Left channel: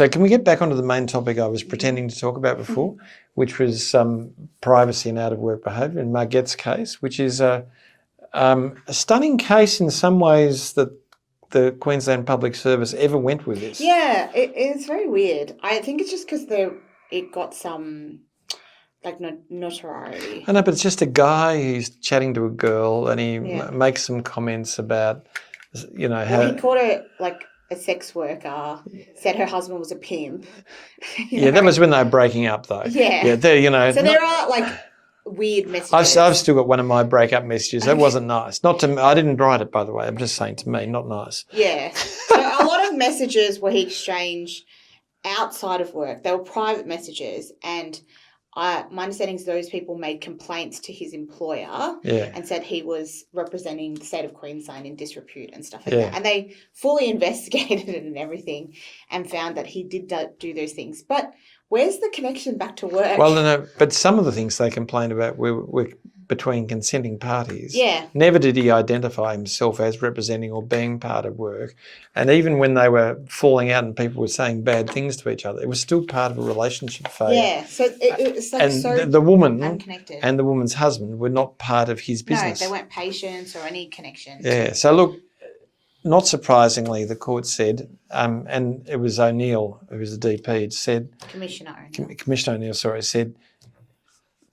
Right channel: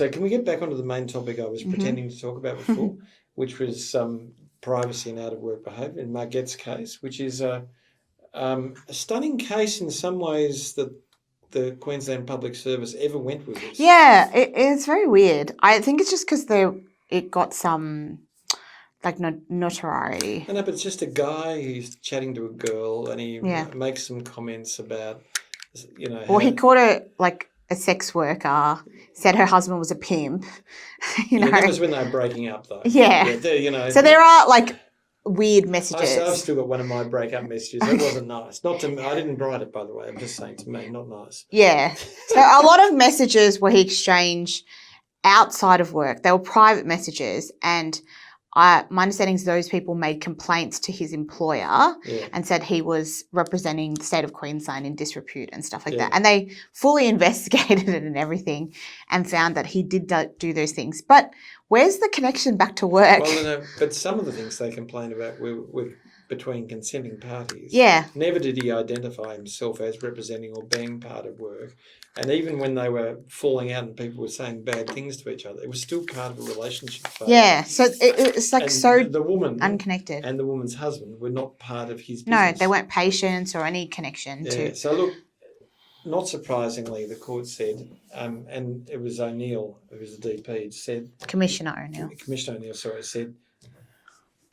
So can we get back onto the main topic I was pretending to talk about before, which was privacy and out-of-work behaviour in Margetts' case, which is a stunning case in some ways that the Queensland Public Service ever went with this. Yeah, it's very weird. I think it's just because it got some notoriety. I know, but it's just a guy who's chatting to a girl and he makes some comments about, Well, he called her a sex worker, said her husband was a pimp. Yeah, that was when they were breaking up, though. Yeah. So there are weird messages. I've still got one of my breakup messages. That wasn't nice. Not to me. I didn't write it, by the way. I'm just saying to me, not nice. Yeah. So a lot of messages were he exchanged outside of work. They were private messages, and my understanding is those people made complaints to his employer and said he was representing the state of Queensland in disrepute and stuff like that. And they fully investigated it and everything and found that he did do those things. But where's the connection back to work? Well, no, but some of the things they complained about were between consenting parties. Yeah. Never did he identify himself as representing or being part of work. And even when they were falling out and people were saying bad things to each other, it was still part of a relationship failure. Yeah, so it's and so the woman unconnected. And the woman's husband were not part of his business. No, they weren't patients or any connection. Yeah, so look, not surprisingly, the court said, and it was O'Neill, who was the DP, it said... Commissioner O'Neill, said,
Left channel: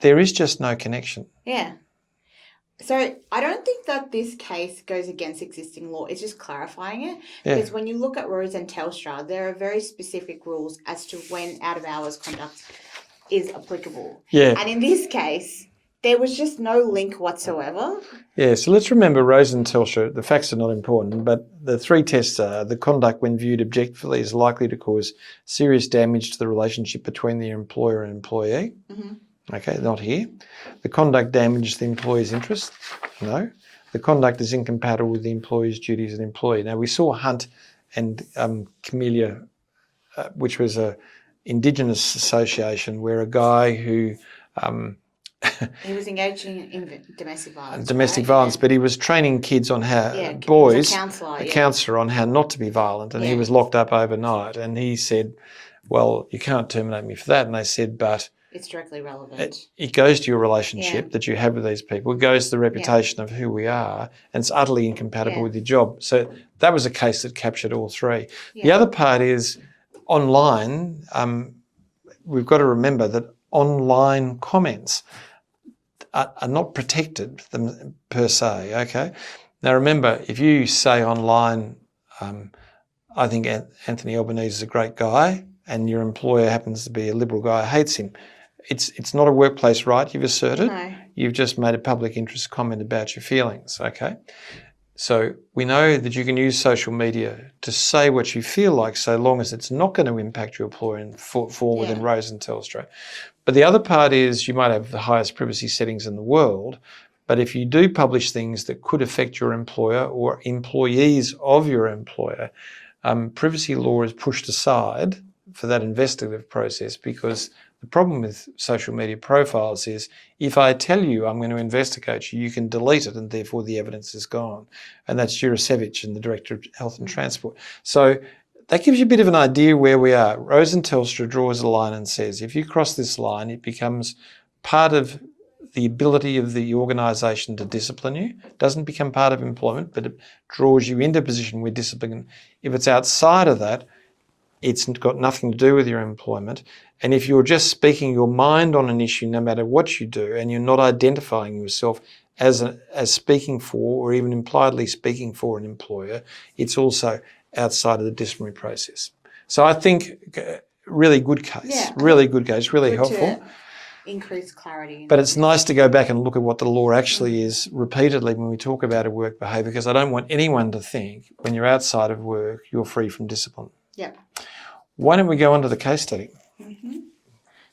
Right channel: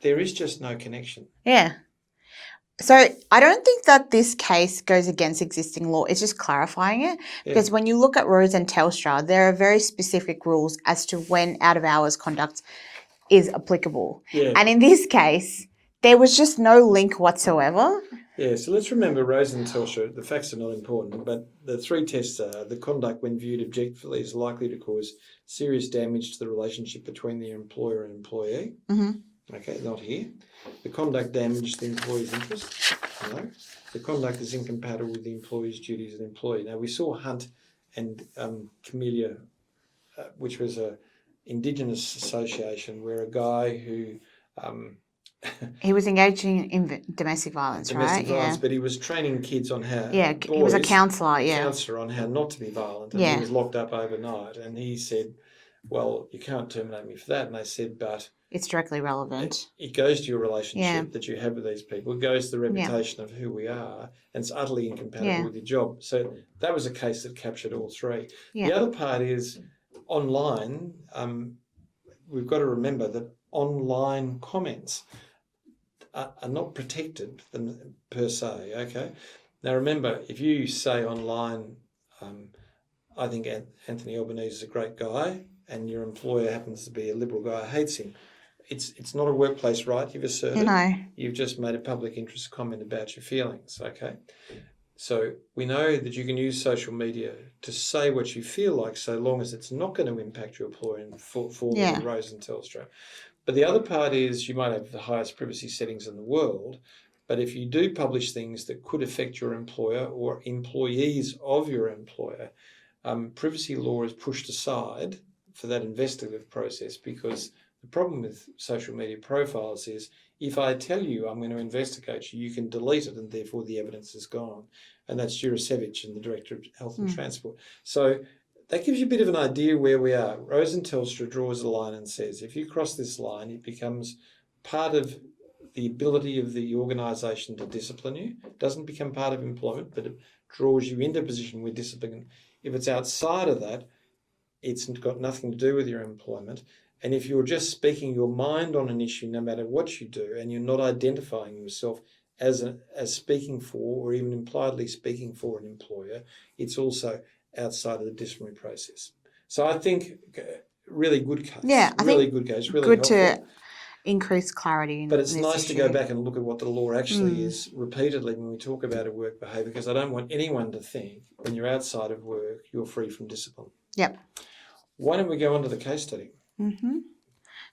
there is just no connection. Yeah. So I don't think that this case goes against existing law. It's just clarifying it. Yeah. Because when you look at Rose and Telstra, there are very specific rules as to when out-of-hours conduct is applicable. Yeah. And in this case, there was just no link whatsoever. Yeah, so let's remember Rose and Telstra, the facts are not important, but the three tests are the conduct when viewed objectively is likely to cause serious damage to the relationship between the employer and employee. Mm-hmm. Okay, not here. The conduct damaged the employee's interests. No. The conduct is incompatible with the employee's duties as an employee. Now, we saw Hunt and Camellia, which was an Indigenous association where a guy who... he was engaging in domestic violence. Domestic violence, but he was training kids on how boys. He was a counsellor, on how not to be violent, and he was locked up overnight. And he said, "Well, you can't terminate me for that." And they said, "But it's directly relevant. It goes to your relationship that you have with these people. It goes to the reputation of who we are, and it's utterly incompatible with your job." So that was a case that captured all three. Yeah. The other part is online. We've got to remember that online comments are not protected per se, okay? Now remember, if you say online, I think Anthony Albanese is a great guy and your employer happens to be a Liberal guy who hates him, it's not a workplace right you've asserted. No. You've just made a public interest comment about your feelings, okay? So we know that you can use social media to say what you feel like so long as it's not going to impact your employer in forward in Rose and Telstra. But the other part is you might have the highest privacy settings in the world, but if you do publish things that could affect your employer or employees of your employer, privacy law is pushed aside for that investigative process, because the problem with social media profiles is if I tell you I'm going to investigate you, you can delete it and therefore the evidence is gone. And that's Jurasevich and the Director of Health and Transport. So that gives you a bit of an idea where we are. Rose and Telstra draws a line and says, if you cross this line, it becomes part of the ability of the organisation to discipline you. It doesn't become part of employment, but it draws you into a position where discipline. If it's outside of that, it's got nothing to do with your employment. And if you're just speaking your mind on an issue, no matter what you do, and you're not identifying yourself as speaking for or even impliedly speaking for an employer, it's also outside of the disciplinary process. So I think really good case. Yeah, really good case, really helpful. To increase clarity. But it's nice to go back and look at what the law actually is repeatedly when we talk about a work behaviour, because I don't want anyone to think when you're outside of work, you're free from discipline. Yep. Why don't we go on to the case study? Mm-hmm.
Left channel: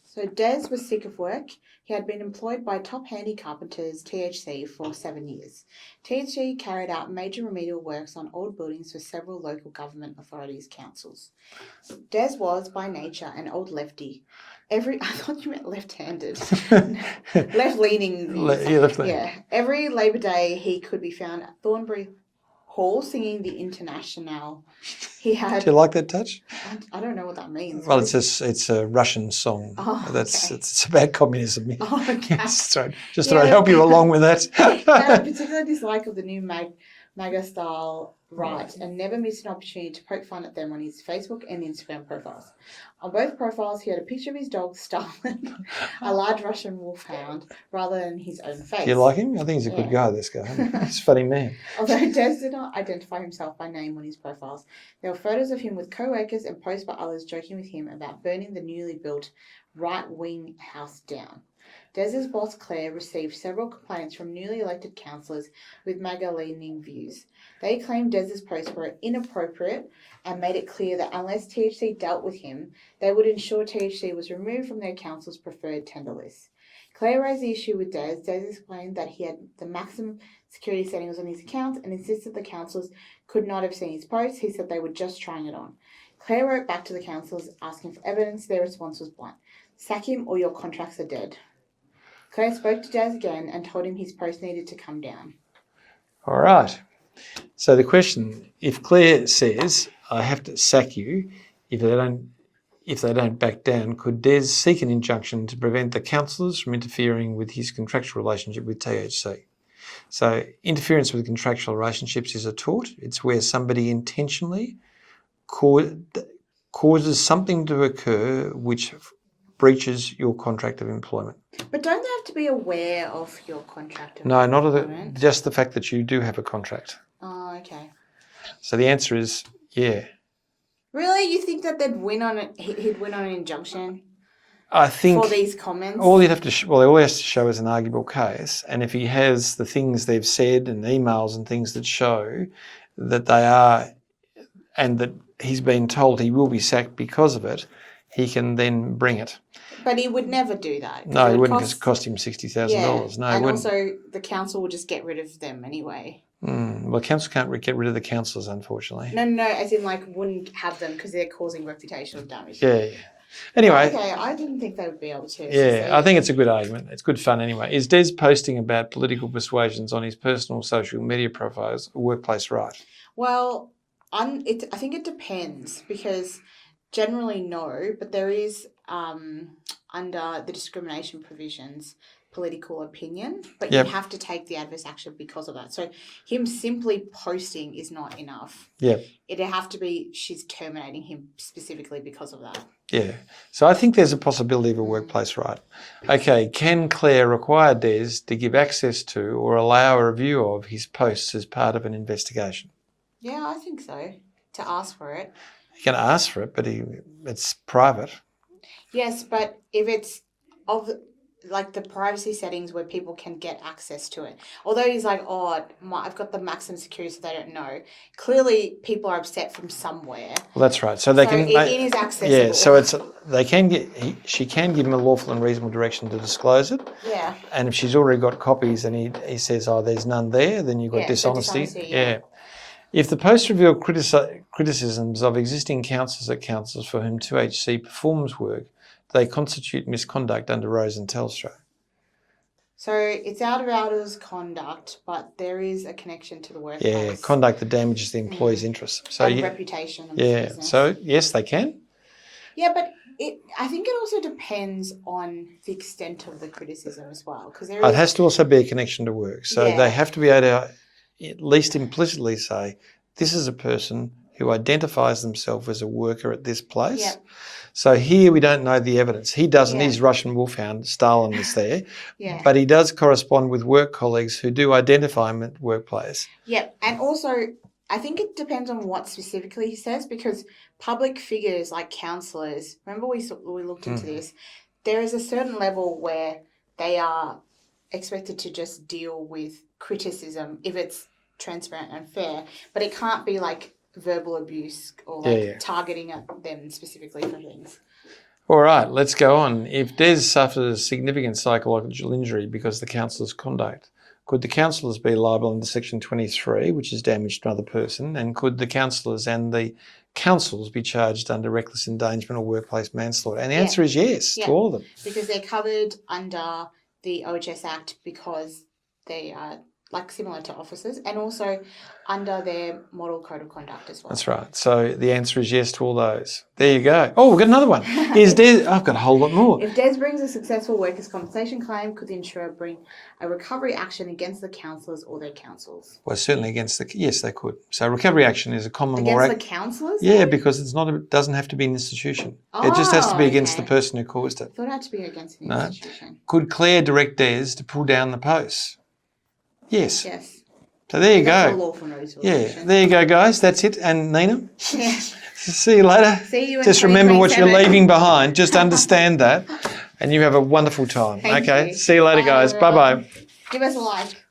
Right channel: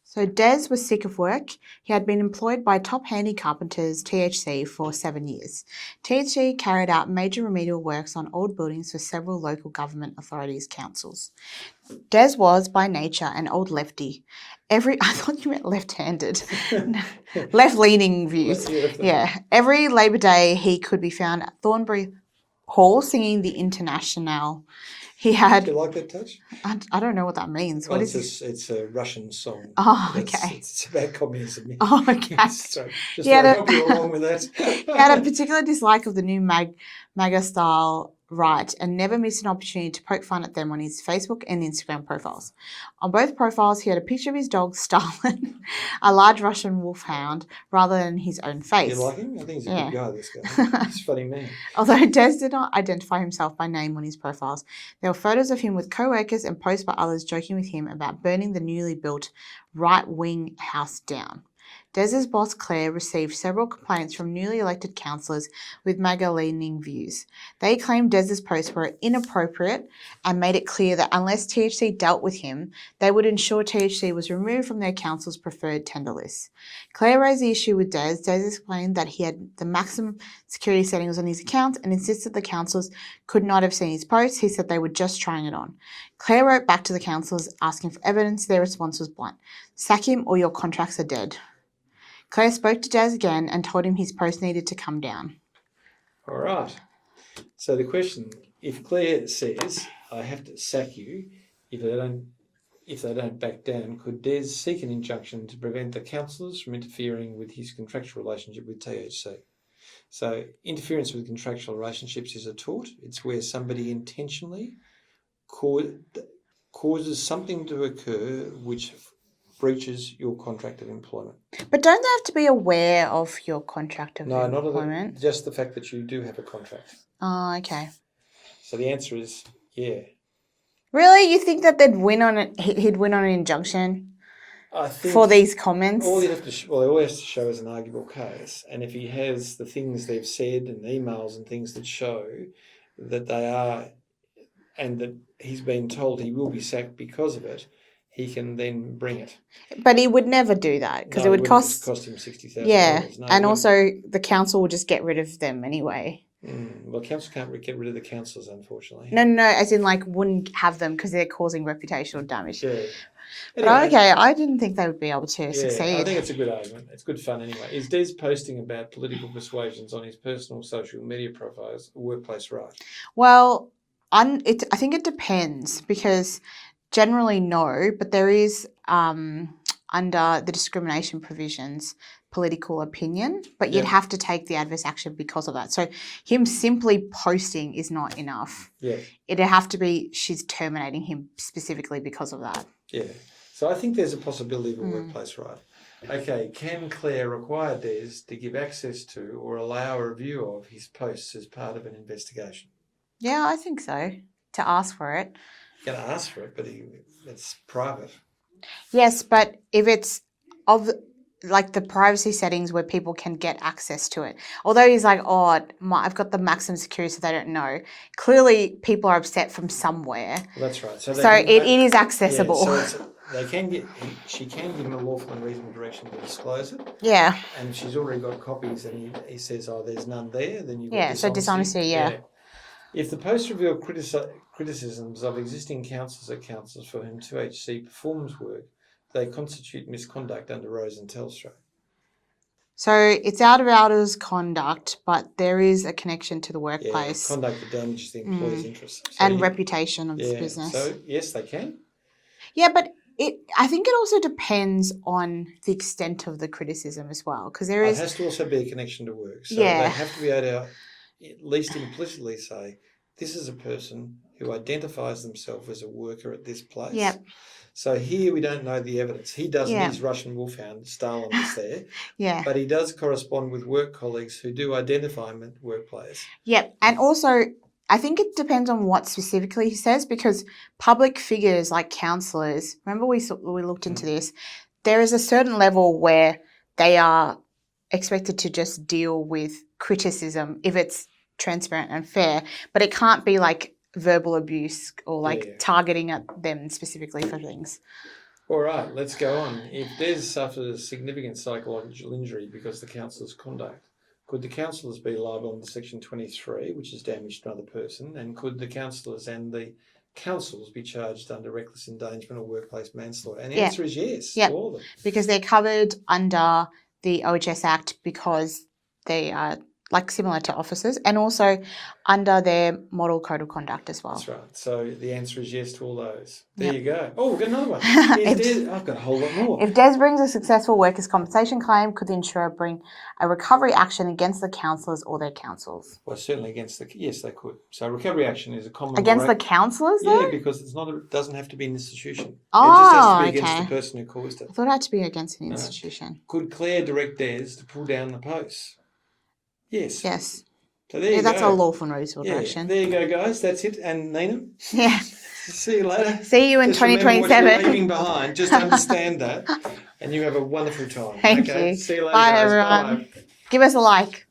So Des was sick of work. He had been employed by Top Handy Carpenters, THC, for 7 years. THC carried out major remedial works on old buildings for several local government authorities' councils. Des was, by nature, an old lefty. I thought you meant left-handed. Left-leaning views. Left-leaning. Yeah. Every Labor Day, he could be found at Thornbury hall singing the International. He had. Do you like that touch? I don't know what that means. Well, it's a Russian song. Oh, okay. okay. It's about communism. Oh, okay. So just to help you along with that. He had a particular dislike of the new MAGA style right and never missed an opportunity to poke fun at them on his Facebook and Instagram profiles. On both profiles, he had a picture of his dog, Stalin, a large Russian wolfhound, rather than his own face. You like him? I think he's a good guy, this guy. He's a funny man. Although Des did not identify himself by name on his profiles, there were photos of him with co-workers and posts by others joking with him about burning the newly built right-wing house down. Des's boss, Claire, received several complaints from newly elected councillors with MAGA-leaning views. They claimed Des's posts were inappropriate and made it clear that unless THC dealt with him, they would ensure THC was removed from their council's preferred tender list. Claire raised the issue with Des. Des explained that he had the maximum security settings on his account and insisted the councillors could not have seen his posts. He said they were just trying it on. Claire wrote back to the councillors asking for evidence. Their response was blunt: sack him or your contracts are dead. Claire spoke to Des again and told him his post needed to come down. All right. So the question, if Claire says, I have to sack you if they don't back down, could Des seek an injunction to prevent the councillors from interfering with his contractual relationship with THC? So interference with contractual relationships is a tort. It's where somebody intentionally causes something to occur which breaches your contract of employment. But don't they have to be aware of your contract of employment? No, just the fact that you do have a contract. Oh, okay. So the answer is yeah. Really? You think that they'd win on it? He'd win on an injunction? I think for these comments. All he has to show is an arguable case, and if he has the things they've said and emails and things that show that they are, and that he's been told he will be sacked because of it, he can then bring it. But he would never do that because it would cost him $60,000. Yeah, no, and also the council will just get rid of them anyway. Well, council can't get rid of the councillors, unfortunately. No, as in wouldn't have them because they're causing reputational damage. Yeah. Anyway. Okay, I didn't think they would be able to succeed. I think it's a good argument. It's good fun anyway. Is Des posting about political persuasions on his personal social media profiles a workplace right? Well, I think it depends because generally no, but there is under the discrimination provisions political opinion, but you'd have to take the adverse action because of that. So him simply posting is not enough. Yeah. It'd have to be she's terminating him specifically because of that. Yeah. So I think there's a possibility of a workplace right. Okay, can Claire require Des to give access to or allow a review of his posts as part of an investigation? Yeah, I think so. To ask for it. You can ask for it, but it's private. Yes, but if it's of the privacy settings where people can get access to it. Although he's like, I've got the maximum security so they don't know. Clearly, people are upset from somewhere. Well, that's right. So it is accessible. Yeah, so she can give him a lawful and reasonable direction to disclose it. Yeah. And if she's already got copies and he says, there's none there, then you've got dishonesty. So dishonesty, yeah. If the post revealed criticisms of existing councillors at councils for whom 2HC performs work, they constitute misconduct under Rose and Telstra. So it's out of hours conduct, but there is a connection to the workplace. Yeah, conduct that damages the employee's interests. So and reputation of the business. So yes, they can. Yeah, but I think it also depends on the extent of the criticism as well. Because it has to also be a connection to work. So they have to be able to at least implicitly say, this is a person who identifies themselves as a worker at this place. Yep. So here we don't know the evidence. He doesn't. He's Russian wolfhound. Stalin is there. Yeah. But he does correspond with work colleagues who do identify him at workplace. Yep. And also, I think it depends on what specifically he says because public figures like councillors, remember we looked into this, there is a certain level where they are expected to just deal with criticism if it's transparent and fair, but it can't be like verbal abuse or targeting at them specifically for things. All right, let's go on. If Des suffers significant psychological injury because of the councillor's conduct, could the councillors be liable under Section 23, which is damage to another person, and could the councillors and the councils be charged under reckless endangerment or workplace manslaughter? And the answer is yes to all of them. Because they're covered under the OHS Act because they are like similar to officers, and also under their model code of conduct as well. That's right. So the answer is yes to all those. There you go. Oh, we've got another one. I've got a whole lot more. If Des brings a successful workers' compensation claim, could the insurer bring a recovery action against the counsellors or their counsels? Well, certainly yes, they could. So recovery action is a common law. Against the counsellors? Yeah, because it doesn't have to be an institution. It just has to be against the person who caused it. I thought it had to be against an institution. Could Claire direct Des to pull down the posts? Yes. Yes. So there you go. That's a lawful notice of action. There you go, guys. That's it. And Nina? Yeah. See you later. See you in 2027. Just remember what you're leaving behind. Just understand that. And you have a wonderful time. Thank you. See you later, Bye, guys. everyone. Bye-bye. Give us a like.